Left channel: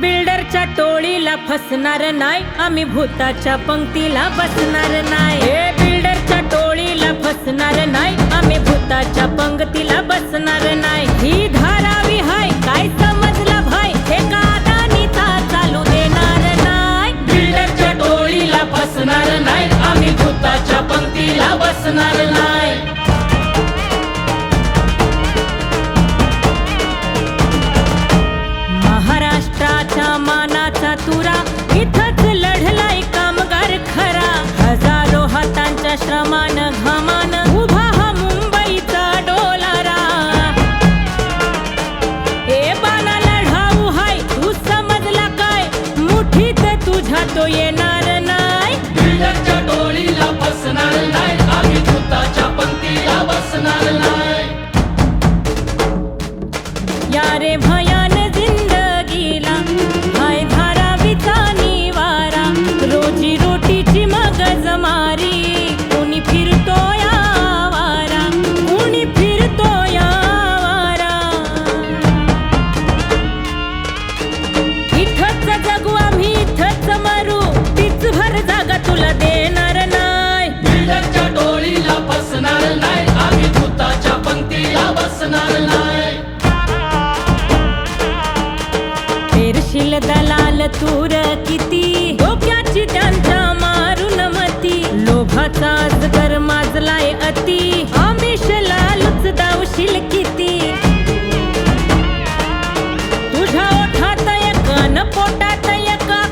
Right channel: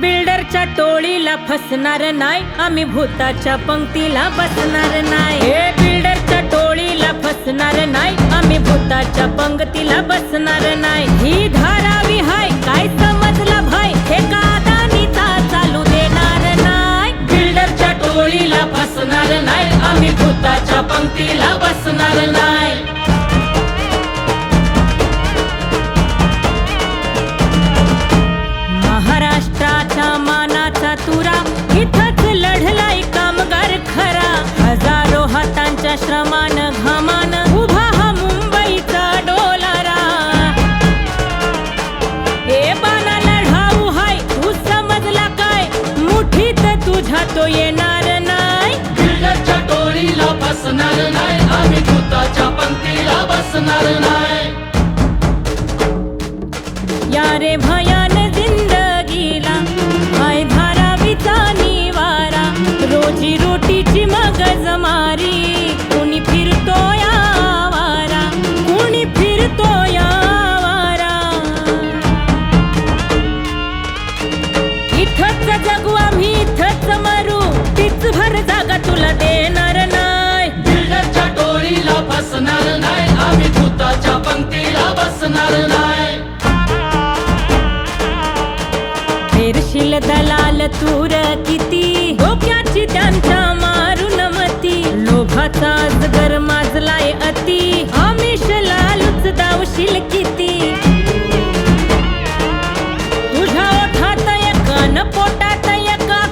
बिल्डरच्या टोळीला फसणार नाही. आम्ही भूताच्या पंक्तीला बसणार नाही. हे बिल्डरच्या टोळीला फसणार नाही. आम्ही भूताच्या पंक्तीला बसणार नाही. ही धारावी हाय काय समजला भाई हे कादानीचा चालू देणार नाही? बिल्डरच्या टोळीला फसणार नाही. आम्ही भूताच्या पंक्तीला बसणार नाही. महाराष्ट्राच्या मानाचा तुरा. इथंच लढलाय कामगार खरा. हजारो हातांच्या श्रमान घामान उभा हा मुंबईचा डोलारा. हे बाना लढाऊ हाय तू समजला काय? मुठीत तुझ्या तो येणार नाही. या रे भयान रोजी रोटीची मगज मारी. कुणी फिरतो यावारा कुणी फिरतो यावारा इथंच जगू आम्ही इथंच मरू. तीच भर जागा तुला देणार नाही. पेरशील दलाल तूर किती? डोक्याची त्यांच्या मारून मती. लोभाचा अजगर माजलाय अति. आमिष लालूच दावशील किती? तुझ्या ओठात एक न पोटात एका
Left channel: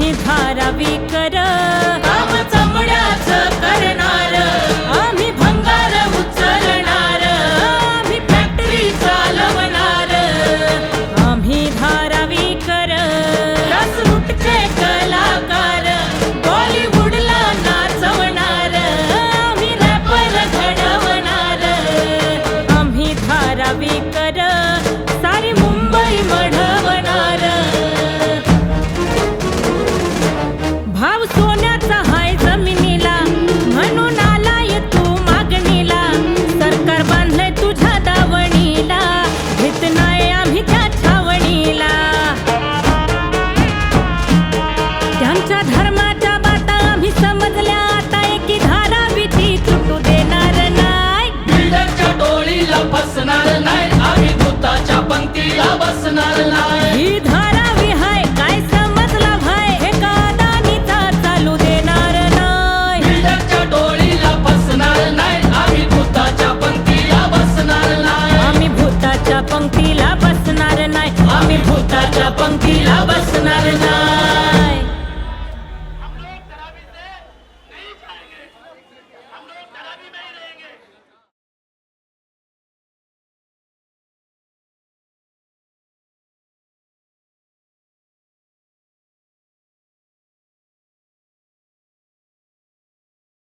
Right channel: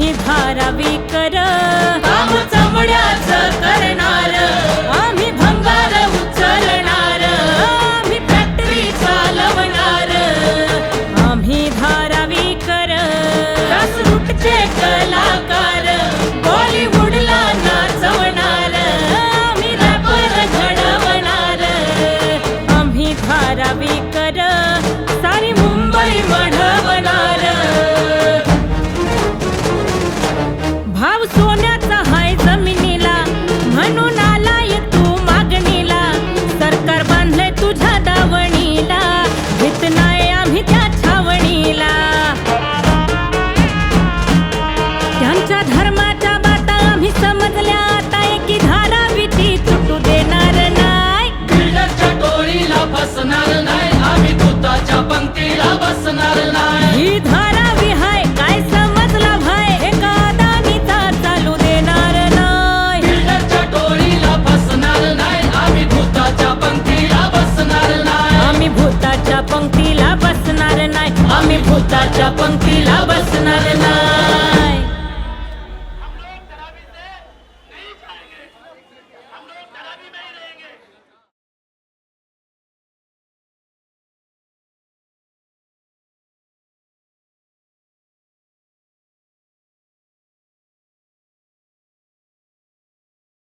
आम्ही धारावी कर काम चमड्याच करणार आम्ही भंगार उचलणार आम्ही फॅक्टरी चालवणार. आम्ही धारावी कर रूटचे कलाकार बॉलिवूडला नाचवणार आम्ही रॅपर घडवणार. आम्ही धारावी कर सारी मुंबई मढवणार. सोन्याचा हाय जमिनीला म्हणून आलाय तू मागणीला. सरकार बांधलंय तुझ्या दावणीला घेत नाही आम्ही त्या छावणीला. त्यांच्या धर्माच्या बाता आम्ही समजल्या आता एकी धारावीची तुटू देणार भूताच्या पंक्तीला बसणार नाही. आम्ही भूताच्या पंक्तीला बसणार नाही.